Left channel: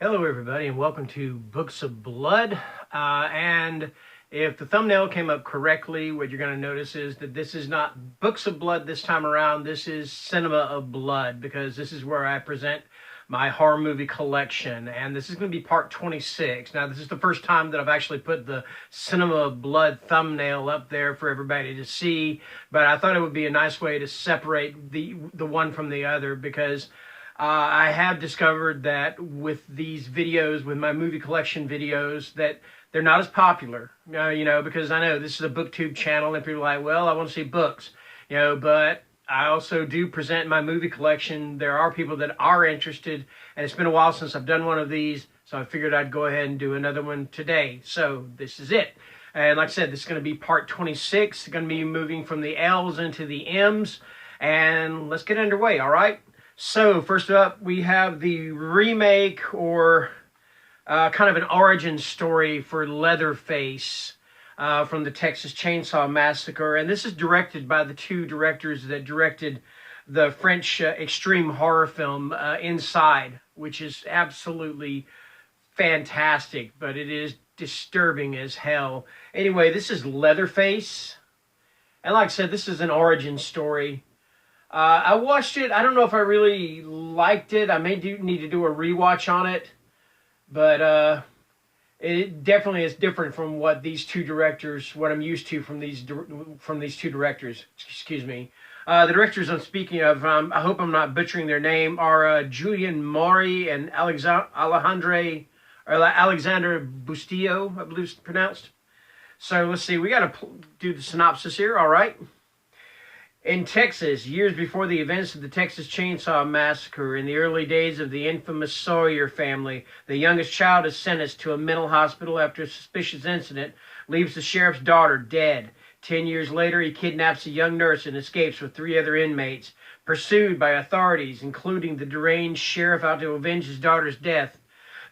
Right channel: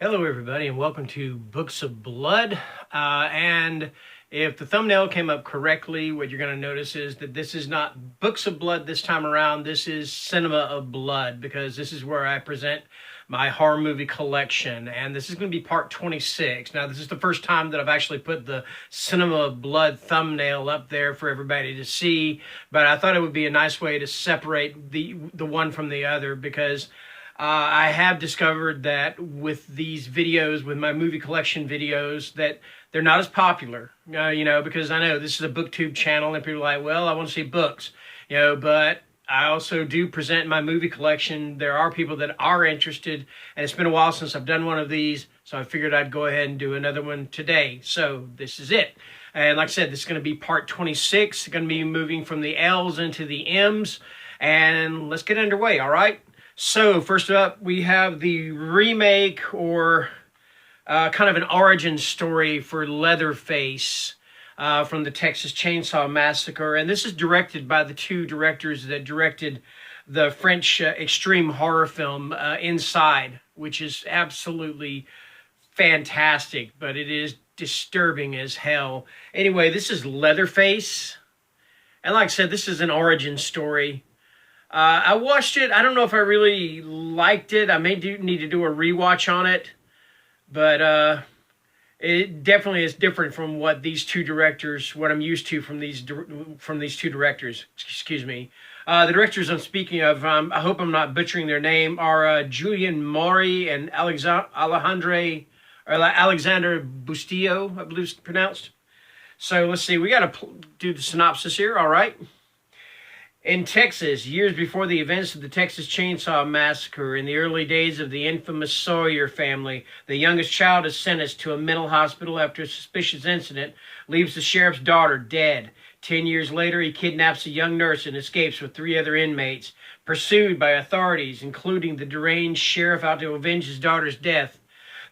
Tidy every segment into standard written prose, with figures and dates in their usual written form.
Hello, everybody, and welcome to Books of Blood. And if the thumbnail came up correctly, what you're going to notice is that this is not Books of Blood this time around. This is Cinema of Blood, because this is where I present my horror movie collection. And this is going to be part 26. Now, this is the first time that I've actually put the Cinema of Blood thumbnail up there for everybody to see. But I thought it would be a nice way to separate the one from the other, because I have discovered that with these videos, with my movie collection videos, that they're not as popular, because I know this is a booktube channel and people are like, well, I want to see books, but I also do present my movie collection. There are people that are interested, and it's been a while since I've done one of these, so I figured I'd go ahead and do another one today. So this is it. And like I said, this is going to be part 26. It's going to be moving from the L's into the M's, and let's get underway, all right? So first up, we have the remake or kind of an origin story for Leatherface from the Texas Chainsaw Massacre. And this is directed by the two directors that directed the French extreme horror film Inside, which is absolutely fantastic, but it is disturbing as hell. Anyway, this is Leatherface. And like I said, this is an origin story. I watched it. I don't know if I really liked it. I may need to do a rewatch on it. But it definitely is different from what these two directors, what I'm used to from these two directors. Excuse me. The directors I'm speaking of, I hope I'm not butchering their name, are Julian Maury and Alexandre Alexander Bustillo, I believe it's pronounced. So let's see. We got to do the synopsis here. All right. In Texas, years before the events of the Texas Chainsaw Massacre, in the early days of the infamous Sawyer family, the youngest child is sentenced to a mental hospital after a suspicious incident leaves the sheriff's daughter dead. 10 years later, he kidnaps a young nurse and escapes with 3 other inmates. Pursued by authorities, including the deranged sheriff out to avenge his daughter's death,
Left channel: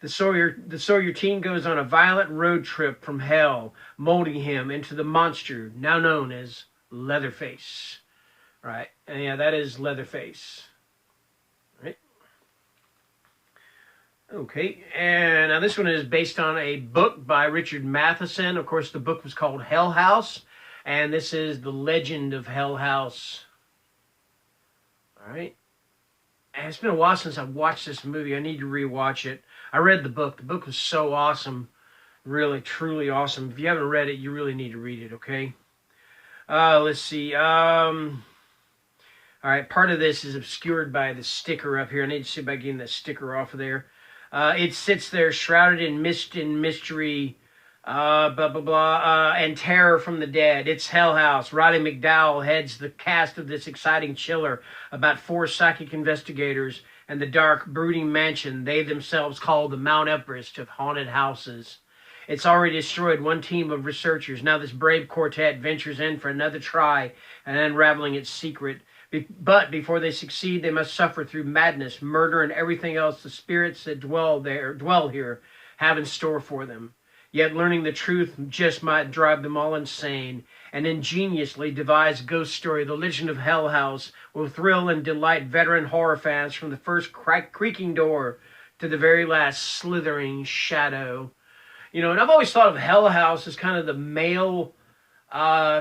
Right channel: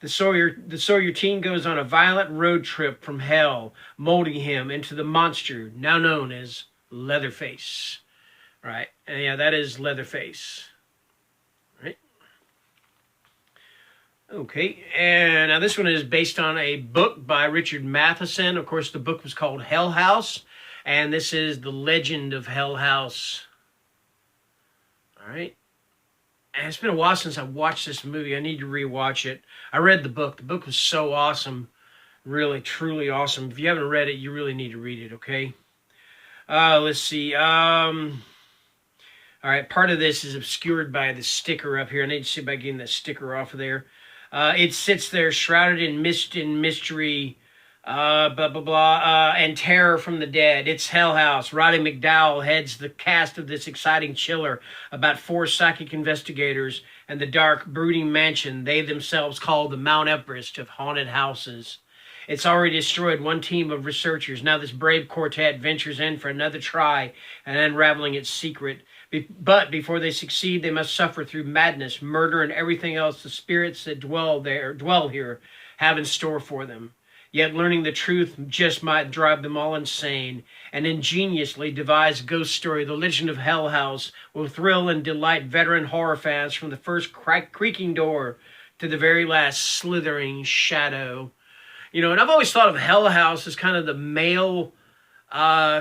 the Sawyer teen goes on a violent road trip from hell, molding him into the monster now known as Leatherface. Right, and yeah, that is Leatherface. Right. Okay, and now this one is based on a book by Richard Matheson. Of course, the book was called Hell House, and this is The Legend of Hell House. All right, and it's been a while since I've watched this movie. I need to rewatch it. I read the book. The book was so awesome, really, truly awesome. If you haven't read it, you really need to read it, okay? Let's see. All right, part of this is obscured by the sticker up here. I need to see if I can get that sticker off of there. It sits there shrouded in mist and mystery, and terror from the dead. It's Hell House. Roddy McDowell heads the cast of this exciting chiller about 4 psychic investigators and the dark, brooding mansion they themselves call the Mount Everest of haunted houses. It's already destroyed one team of researchers. Now this brave quartet ventures in for another try at unraveling its secret. But before they succeed, they must suffer through madness, murder, and everything else the spirits that dwell here have in store for them. Yet learning the truth just might drive them all insane. An ingeniously devised ghost story, The Legend of Hell House, will thrill and delight veteran horror fans from the first creaking door to the very last slithering shadow. And I've always thought of Hell House as kind of the male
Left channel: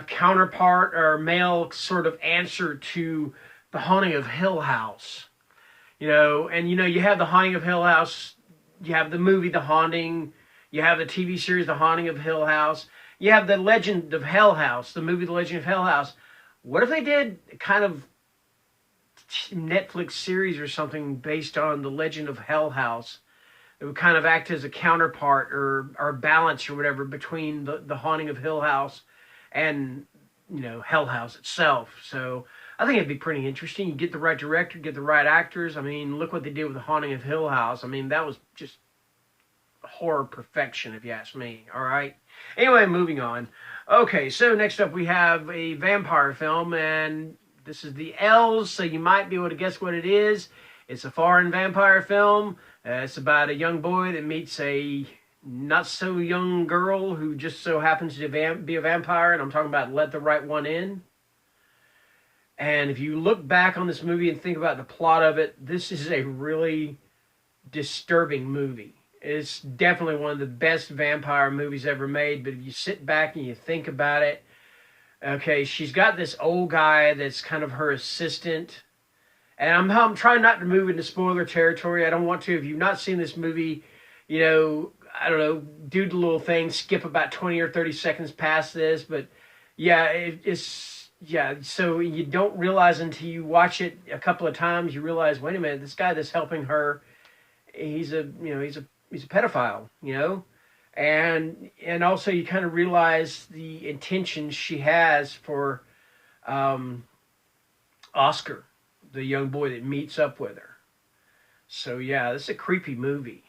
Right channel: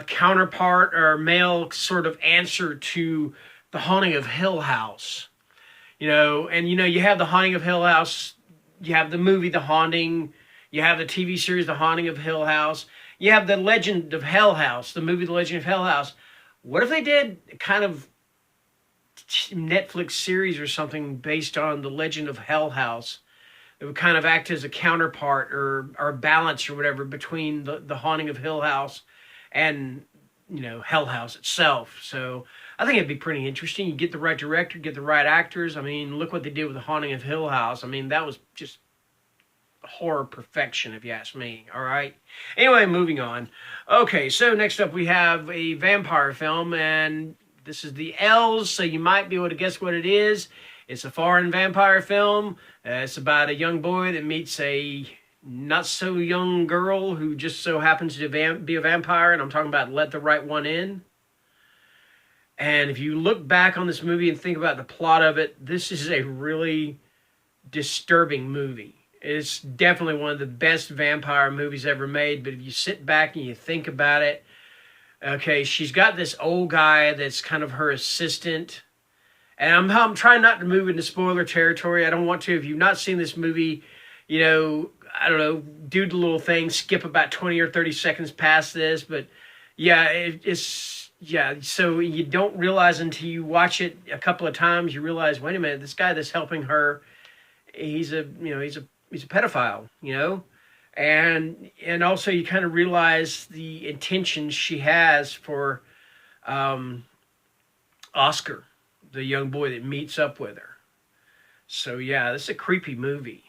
counterpart or male sort of answer to The Haunting of Hill House. You have The Haunting of Hill House, you have the movie The Haunting, you have the TV series The Haunting of Hill House, you have The Legend of Hell House, the movie The Legend of Hell House. What if they did kind of Netflix series or something based on The Legend of Hell House? It would kind of act as a counterpart or balance or whatever between the Haunting of Hill House and, Hell House itself. So I think it'd be pretty interesting. You get the right director, get the right actors. I mean, look what they did with The Haunting of Hill House. I mean, that was just horror perfection, if you ask me. All right. Anyway, moving on. Okay, so next up we have a vampire film, and this is the L's, so you might be able to guess what it is. It's a foreign vampire film. It's about a young boy that meets a not-so-young girl who just so happens to be a vampire, and I'm talking about Let the Right One In. And if you look back on this movie and think about the plot of it, this is a really disturbing movie. It's definitely one of the best vampire movies ever made, but if you sit back and you think about it, okay, she's got this old guy that's kind of her assistant. And I'm trying not to move into spoiler territory. I don't want to. If you've not seen this movie, you know, I don't know, do the little thing, skip about 20 or 30 seconds past this. But yeah, yeah. So you don't realize until you watch it a couple of times, you realize, wait a minute, this guy that's helping her, he's a pedophile, you know? And also you kind of realize the intentions she has for Oscar, the young boy that meets up with her. So yeah, this is a creepy movie.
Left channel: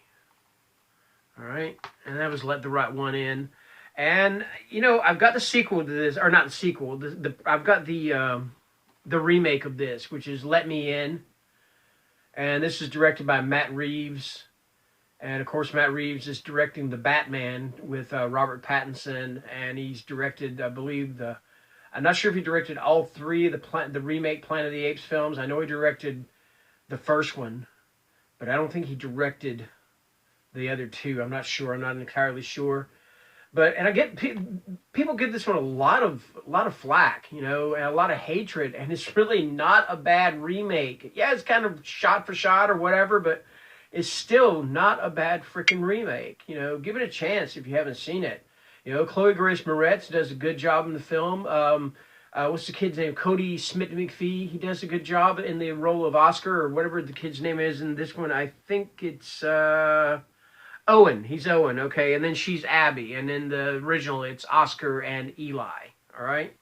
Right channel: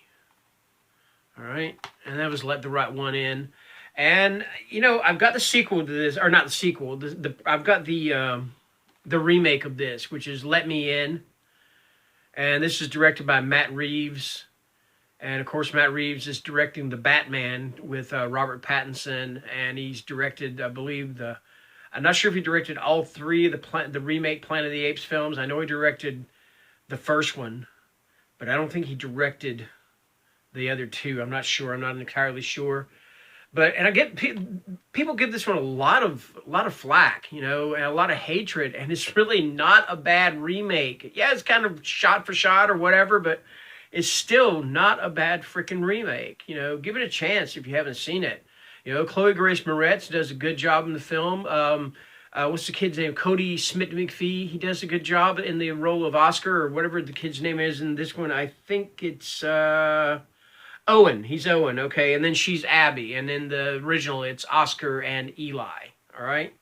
All right, and that was Let the Right One In. And you know, I've got the sequel to this, or not the sequel. I've got the remake of this, which is Let Me In, and this is directed by Matt Reeves. And of course, Matt Reeves is directing the Batman with Robert Pattinson, and he's directed, I believe, I'm not sure if he directed all three of the remake Planet of the Apes films. I know he directed the first one, but I don't think he directed the other two. I'm not sure. I'm not entirely sure. And I get people give this one a lot of flack, you know, and a lot of hatred, and it's really not a bad remake. Yeah, it's kind of shot for shot or whatever, but it's still not a bad freaking remake. You know, give it a chance if you haven't seen it. You know, Chloe Grace Moretz does a good job in the film. What's the kid's name? Cody Smith-McPhee. He does a good job in the role of Oscar, or whatever the kid's name is in this one. I think it's Owen. He's Owen, okay. And then she's Abby. And in the original, it's Oscar and Eli. All right?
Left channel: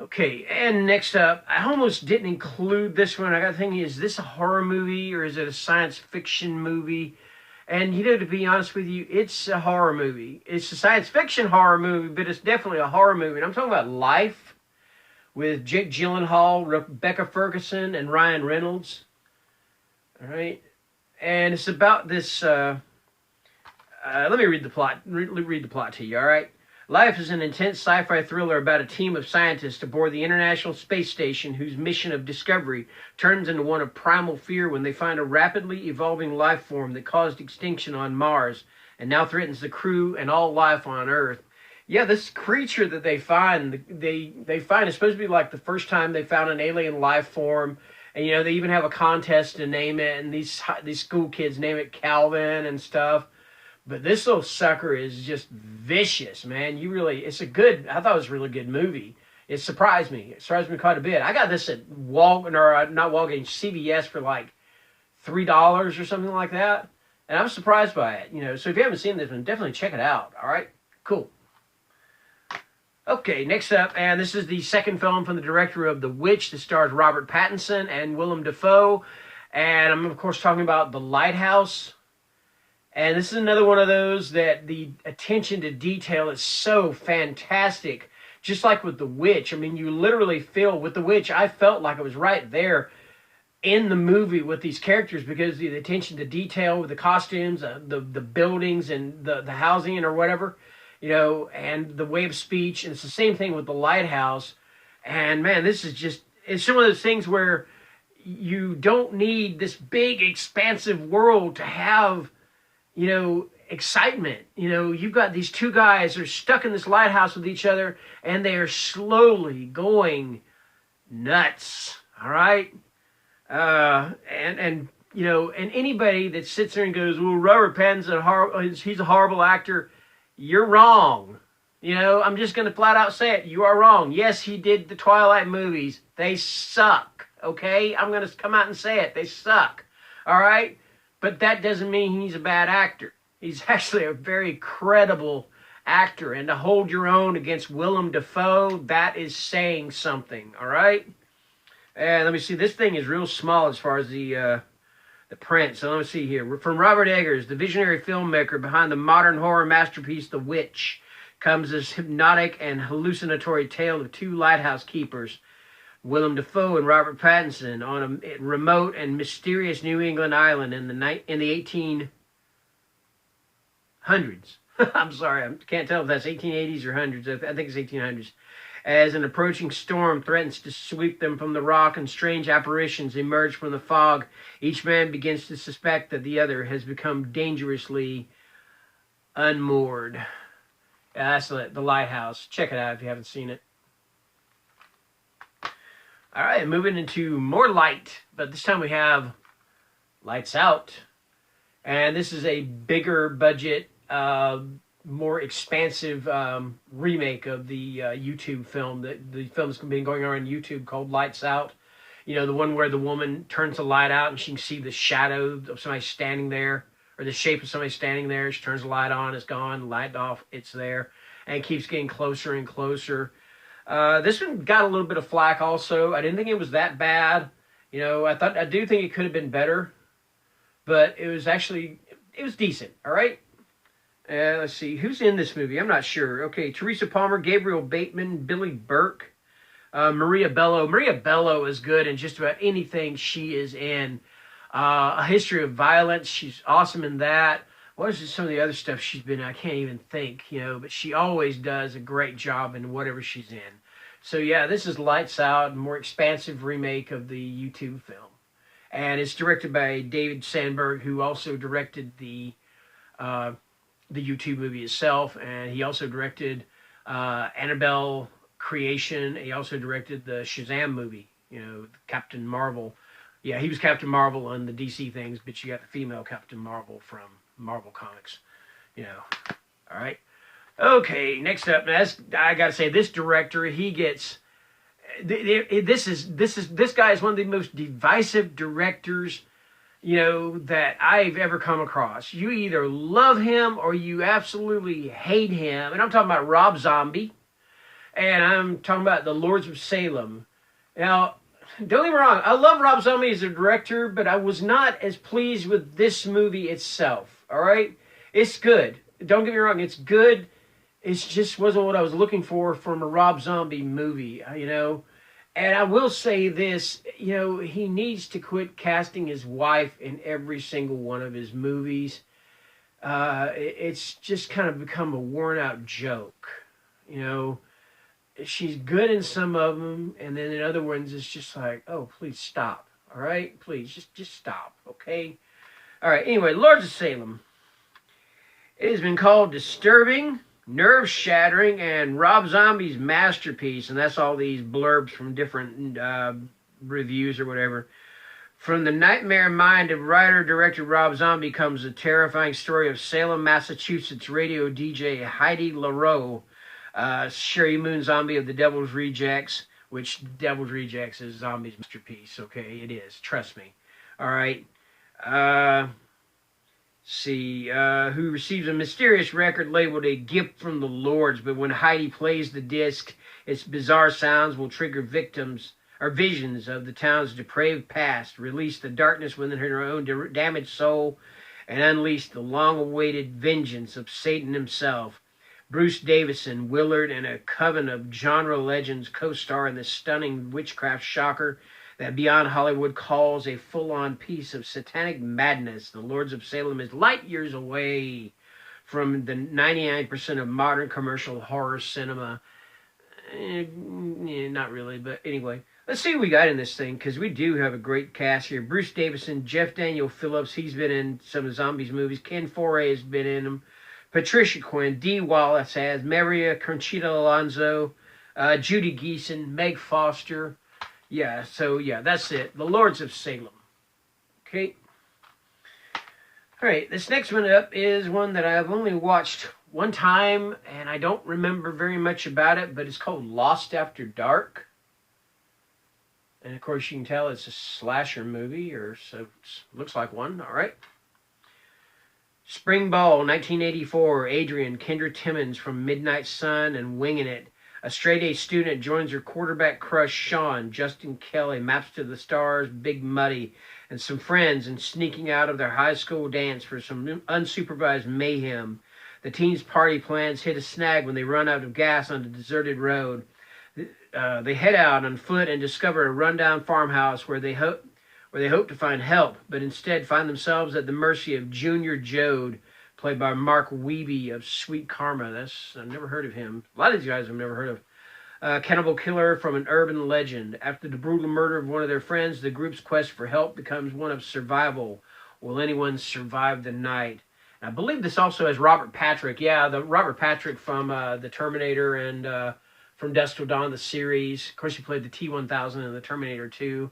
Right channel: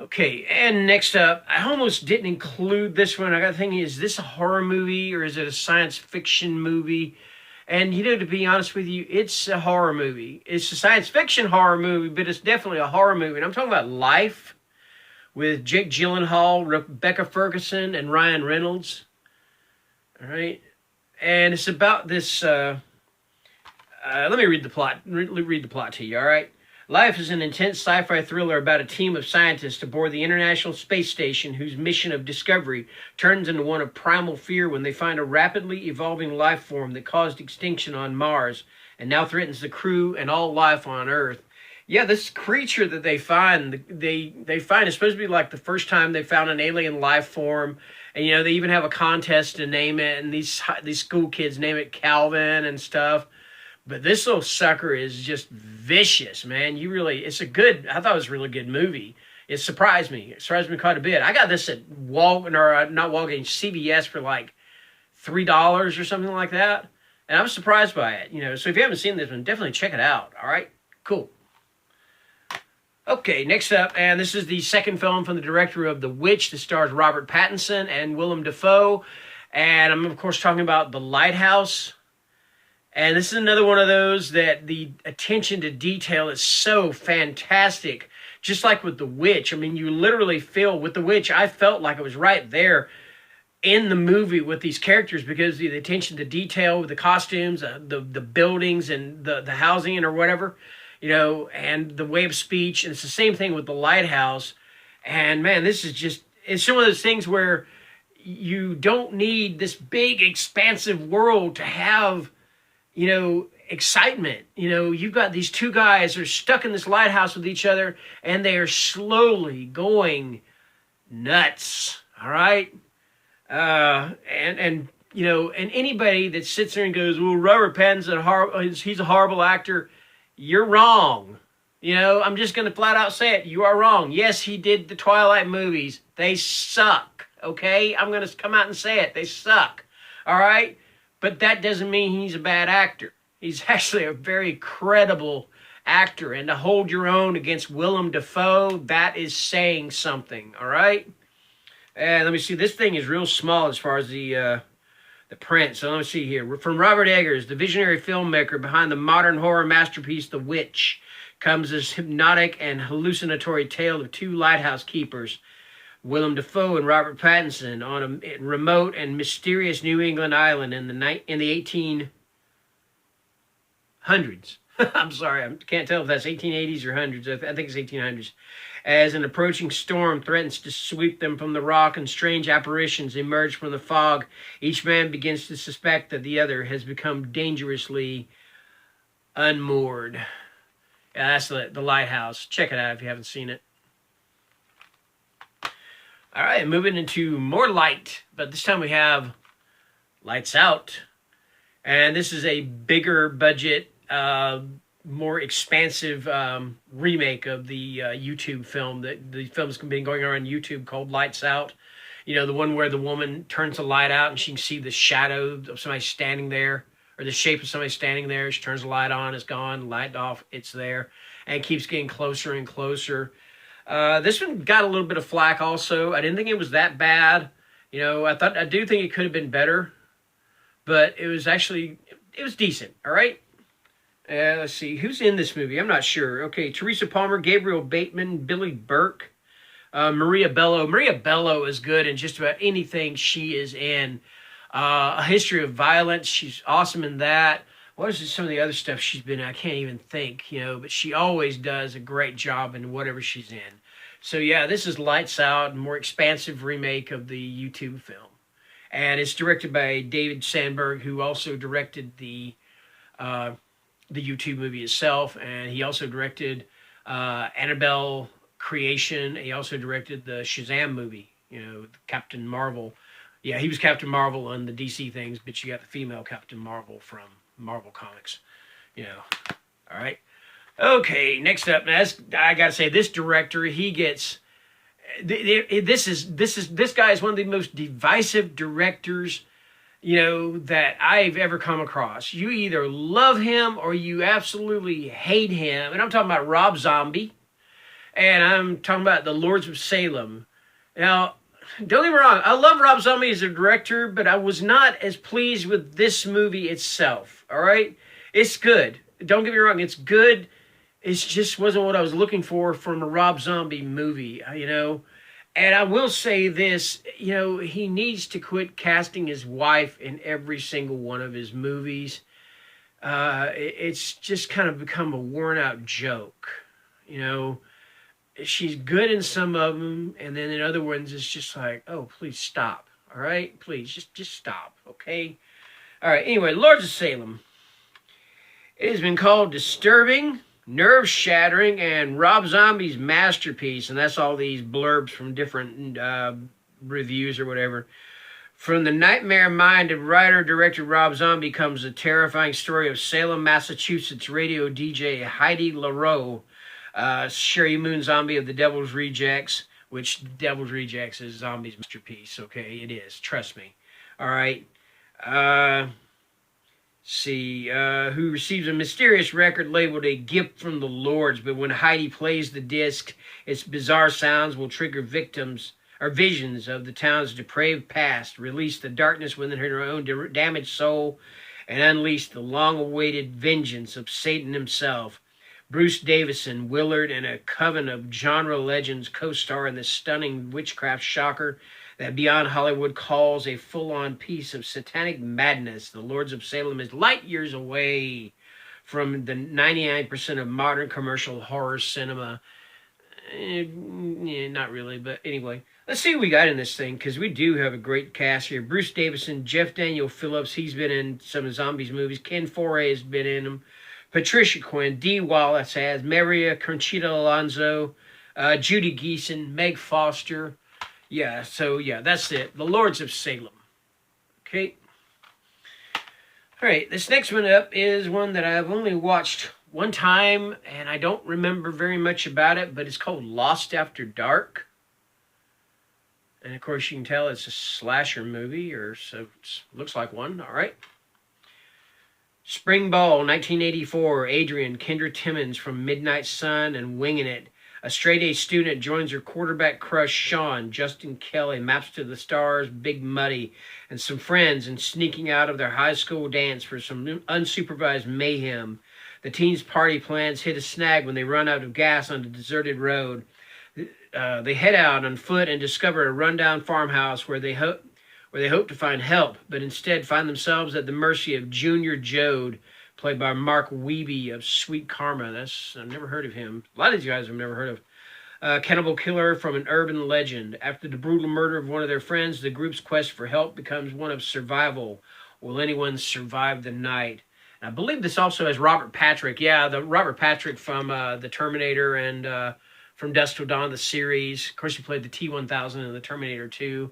Okay, and next up, I almost didn't include this one. I got thinking, is this a horror movie or is it a science fiction movie? And, you know, to be honest with you, it's a horror movie. It's a science fiction horror movie, but it's definitely a horror movie. And I'm talking about Life with Jake Gyllenhaal, Rebecca Ferguson, and Ryan Reynolds. All right? And it's about this... let me read the plot. Read the plot to you, all right? Life is an intense sci-fi thriller about a team of scientists aboard the International Space Station whose mission of discovery turns into one of primal fear when they find a rapidly evolving life form that caused extinction on Mars and now threatens the crew and all life on Earth. Yeah, this creature that they find, they find is supposed to be like the first time they found an alien life form. And, you know, they even have a contest to name it, and these school kids name it Calvin and stuff. But this little sucker is just vicious, man. I thought it was a really good movie. It surprised me. It surprised me quite a bit. I got this at CVS for like $3 or something like that. And I was surprised by it, you know. So if you haven't seen this one, definitely check it out. All right? Cool. Okay, next up, and this is the second film from the director of The Witch that stars Robert Pattinson and Willem Dafoe. And I'm, of course, talking about The Lighthouse. And this is another one of those that the attention to detail is so fantastic. Just like with The Witch. I mean, you literally feel, with The Witch, I felt like I was right there in the movie with these characters because of the attention to detail with the costumes, the buildings and the housing or whatever, you know, and the way of speech. And it's the same thing with The Lighthouse. And man, this is just, it's one of those things where you don't need this big, expansive world to have, you know, excitement. You know, you've got these two guys that are stuck in this lighthouse with each other, and they are slowly going nuts. All right, and you know, and anybody that sits there and goes, "Well, Robert Pattinson, he's a horrible actor," you're wrong. You know, I'm just going to flat out say it. You are wrong. Yes, he did the Twilight movies. They suck. Okay, I'm going to come out and say it. They suck. All right. But that doesn't mean he's a bad actor. He's actually a very credible actor. And to hold your own against Willem Dafoe, that is saying something, all right? And let me see. This thing is real small as far as the print. So let me see here. From Robert Eggers, the visionary filmmaker behind the modern horror masterpiece The Witch, comes this hypnotic and hallucinatory tale of two lighthouse keepers, Willem Dafoe and Robert Pattinson, on a remote and mysterious New England island in the 1800s. I'm sorry, I can't tell if that's 1880s or hundreds. I think it's 1800s. as an approaching storm threatens to sweep them from the rock and strange apparitions emerge from the fog. Each man begins to suspect that the other has become dangerously unmoored. Yeah, that's the Lighthouse. Check it out if you haven't seen it. All right, moving into more light, but this time we have Lights Out. And this is a bigger budget, more expansive remake of the YouTube film. The film's been going on YouTube called Lights Out. You know, the one where the woman turns the light out and she can see the shadow of somebody standing there, or the shape of somebody standing there. She turns the light on, it's gone, light off, it's there, and it keeps getting closer and closer. This one got a little bit of flack also. I didn't think it was that bad. You know, I do think it could have been better, but it was decent. All right. Let's see who's in this movie. I'm not sure. Okay, Teresa Palmer, Gabriel Bateman, Billy Burke, Maria Bello. Maria Bello is good in just about anything she is in. A History of Violence. She's awesome in that. What is some of the other stuff she's been in? I can't even think, you know, but she always does a great job in whatever she's in. So yeah, this is Lights Out, a more expansive remake of the YouTube film. And it's directed by David Sandberg, who also directed the YouTube movie itself. And he also directed Annabelle Creation. He also directed the Shazam movie, you know, Captain Marvel. Yeah, he was Captain Marvel on the DC things, but you got the female Captain Marvel from Marvel Comics, you know. All right. Okay, next up, I got to say, this director, he gets... This guy is one of the most divisive directors, you know, that I've ever come across. You either love him or you absolutely hate him. And I'm talking about Rob Zombie. And I'm talking about The Lords of Salem. Now, don't get me wrong, I love Rob Zombie as a director, but I was not as pleased with this movie itself. All right? It's good. Don't get me wrong, it's good. It just wasn't what I was looking for from a Rob Zombie movie, you know. And I will say this, you know, he needs to quit casting his wife in every single one of his movies. It's just kind of become a worn-out joke, you know. She's good in some of them, and then in other ones, it's just like, oh, please stop, all right? Please, just stop, okay? All right, anyway, Lords of Salem. It has been called disturbing, nerve-shattering, and Rob Zombie's masterpiece, and that's all these blurbs from different reviews or whatever. From the nightmare mind of writer-director Rob Zombie comes the terrifying story of Salem, Massachusetts radio DJ Heidi LaRoe, Sherry Moon Zombie of the Devil's Rejects, which Devil's Rejects is Zombie's masterpiece, okay? It is, trust me. All right. Who receives a mysterious record labeled a gift from the Lords, but when Heidi plays the disc, its bizarre sounds will trigger visions of the town's depraved past, release the darkness within her own damaged soul, and unleash the long-awaited vengeance of Satan himself. Bruce Davison, Willard, and a coven of genre legends co-star in the stunning witchcraft shocker that Beyond Hollywood calls a full-on piece of satanic madness. The Lords of Salem is light years away from the 99% of modern commercial horror cinema. Not really, but anyway. Let's see what we got in this thing, because we do have a great cast here. Bruce Davison, Jeff Daniel Phillips, he's been in some of Zombies movies. Ken Foray has been in them. Patricia Quinn, Dee Wallace has, Maria Conchita Alonso, Judy Geeson, Meg Foster. Yeah, so yeah, that's it. The Lords of Salem. Okay. All right, this next one up is one that I've only watched one time, and I don't remember very much about it, but it's called Lost After Dark. And of course, you can tell it's a slasher movie, or so it looks like one. All right. Spring Ball, 1984. Adrian, Kendra Timmons from Midnight Sun and Winging It. A straight-A student joins her quarterback crush, Sean. Justin Kelly, Maps to the Stars, Big Muddy, and some friends, and sneaking out of their high school dance for some unsupervised mayhem. The teens' party plans hit a snag when they run out of gas on a deserted road. They head out on foot and discover a rundown farmhouse where they hope to find help, but instead find themselves at the mercy of Junior Jode, played by Mark Wiebe of Sweet Karma. I've never heard of him. A lot of you guys I've never heard of. cannibal killer from an urban legend. After the brutal murder of one of their friends, the group's quest for help becomes one of survival. Will anyone survive the night? And I believe this also has Robert Patrick. Yeah, the Robert Patrick from the Terminator and from Dusk Till Dawn, the series. Of course, he played the T-1000 in the Terminator 2.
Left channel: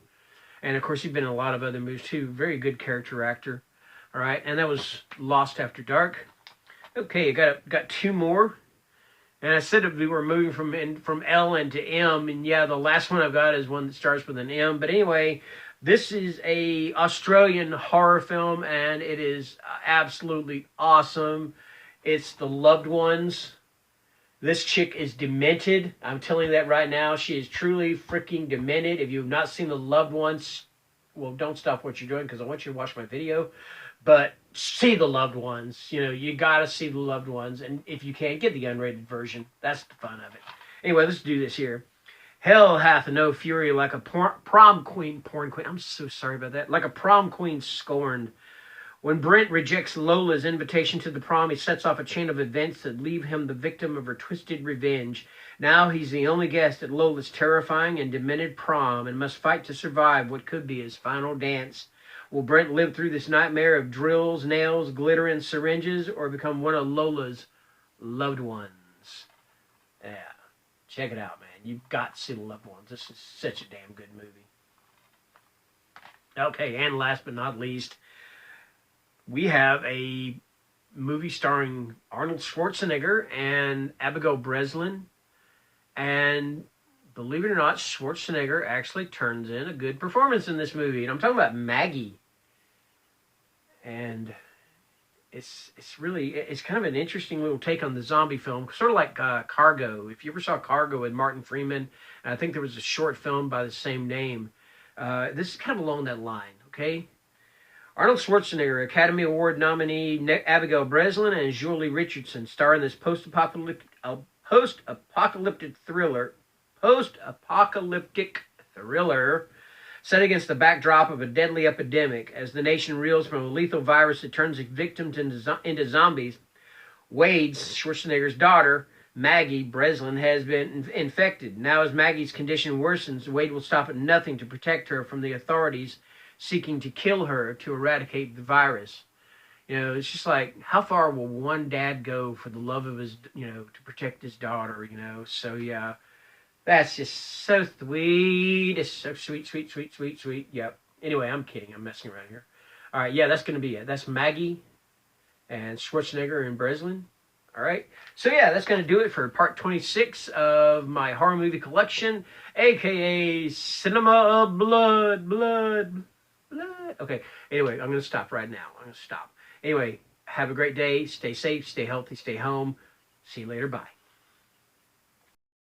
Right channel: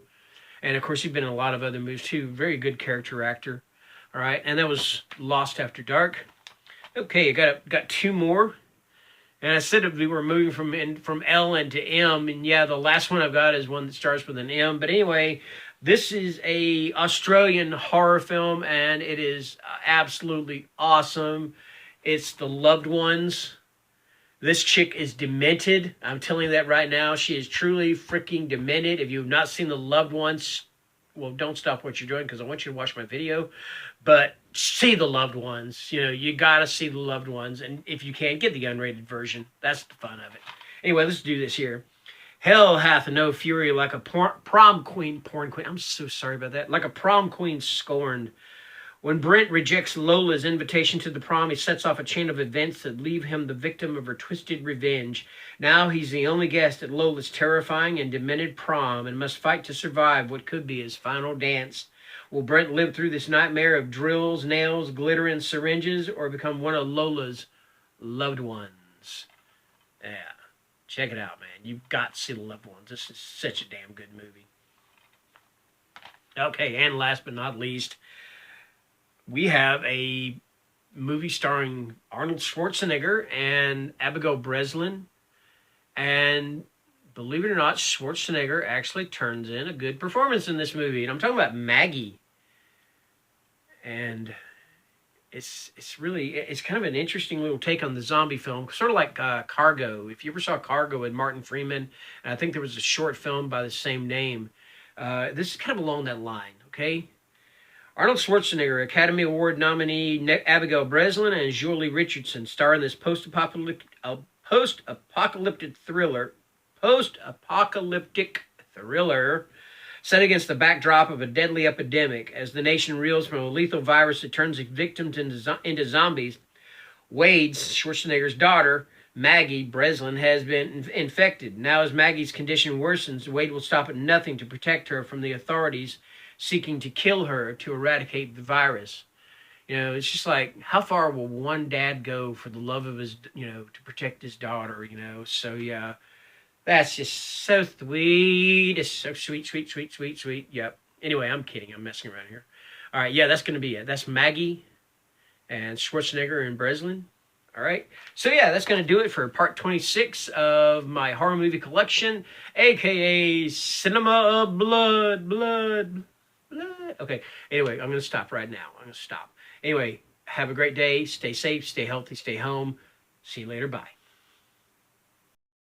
And, of course, he's been in a lot of other movies, too. Very good character actor. All right, and that was Lost After Dark. Okay, got two more. And I said we were moving from L into M, and yeah, the last one I've got is one that starts with an M. But anyway, this is a Australian horror film, and it is absolutely awesome. It's The Loved Ones. This chick is demented. I'm telling you that right now. She is truly freaking demented. If you have not seen The Loved Ones, well, don't stop what you're doing because I want you to watch my video. But see The Loved Ones. You know, you got to see The Loved Ones. And if you can't, get the unrated version. That's the fun of it. Anyway, let's do this here. Hell hath no fury like a prom queen, porn queen. I'm so sorry about that. Like a prom queen scorned. When Brent rejects Lola's invitation to the prom, he sets off a chain of events that leave him the victim of her twisted revenge. Now he's the only guest at Lola's terrifying and demented prom and must fight to survive what could be his final dance. Will Brent live through this nightmare of drills, nails, glitter, and syringes, or become one of Lola's loved ones? Yeah, check it out, man. You've got to see The Loved Ones. This is such a damn good movie. Okay, and last but not least, we have a movie starring Arnold Schwarzenegger and Abigail Breslin. And believe it or not, Schwarzenegger actually turns in a good performance in this movie. And I'm talking about Maggie. And it's kind of an interesting little take on the zombie film, sort of like Cargo. If you ever saw Cargo with Martin Freeman, and I think there was a short film by the same name. This is kind of along that line, okay? Arnold Schwarzenegger, Academy Award nominee Abigail Breslin, and Julie Richardson star in this post-apocalyptic thriller set against the backdrop of a deadly epidemic. As the nation reels from a lethal virus that turns victims into zombies, Wade's, Schwarzenegger's daughter, Maggie Breslin, has been infected. Now as Maggie's condition worsens, Wade will stop at nothing to protect her from the authorities seeking to kill her to eradicate the virus. You know, it's just like, how far will one dad go for the love of his, to protect his daughter, So, yeah, that's just so sweet. It's so sweet, sweet, sweet, sweet, sweet. Yep. Anyway, I'm kidding. I'm messing around here. All right, yeah, that's going to be it. That's Maggie and Schwarzenegger and Breslin. All right. So, yeah, that's going to do it for part 26 of my horror movie collection, a.k.a. Cinema of Blood. Okay. Anyway, I'm going to stop right now. Anyway, have a great day. Stay safe. Stay healthy. Stay home. See you later. Bye.